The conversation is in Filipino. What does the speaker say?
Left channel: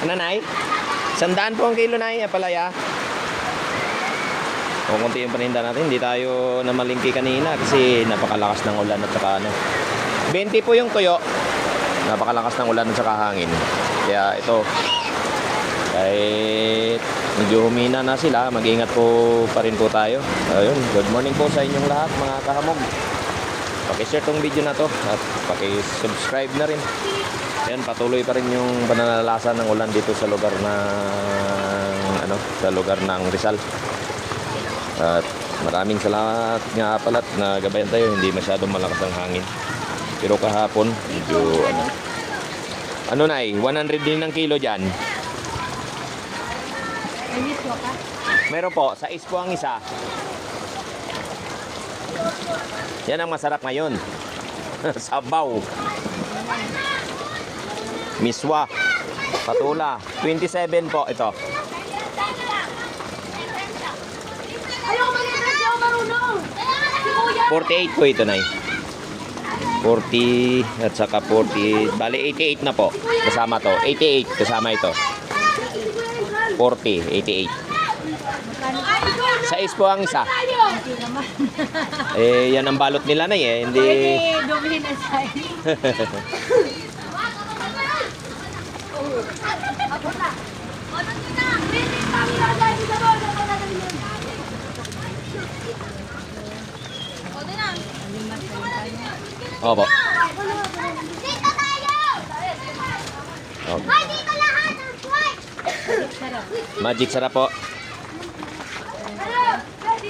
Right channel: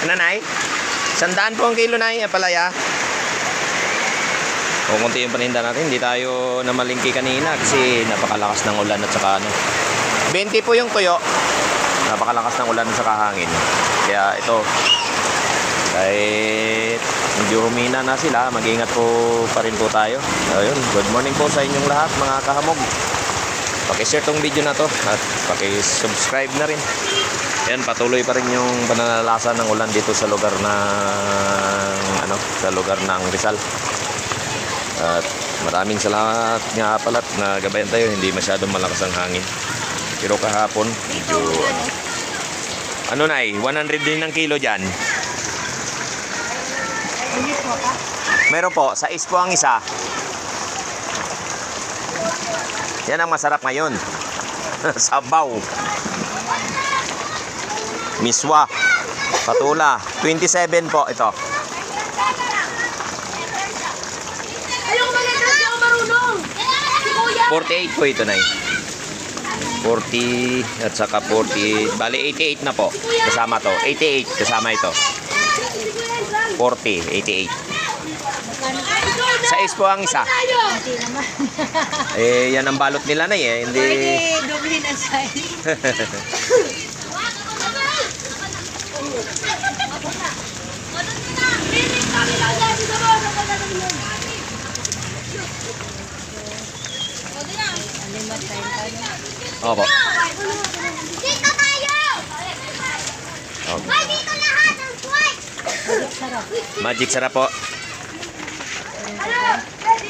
Ano, Nay? 100 po ang kilo, Nay. Palaya. Kung kunti yung paninda natin, hindi tayo namalingki kanina kasi napakalakas ng ulan at saka 20 po yung tuyo. Napakalakas ng ulan at saka hangin. Kaya ito, kahit medyo humina na sila, mag-ingat po pa rin po tayo. Ayun, good morning po sa inyong lahat mga kahamog. Paki-share tong video na to at paki-subscribe na rin. Yan, patuloy pa rin yung pananalasa ng ulan dito sa lugar ng Rizal. At maraming salamat nga pala at nagabayan tayo, hindi masyadong malakas ang hangin. Pero kahapon, medyo ano Nay, 100 din ang kilo dyan. Meron po, 6 po ang isa. Yan ang masarap ngayon. Sabaw. Miswa. Patula. 27 po ito. 48 po ito, Nay. 40 at saka 40. Bali, 88 na po. Kasama to. 88 kasama ito. 40, 88. 6 po ang isa. Eh, yan ang balot nila, Nay, eh. Hindi. Dublin ang size. Opo. Dito tayo! Okay. Ay, dito lahat ang swipe! Magic sarap po.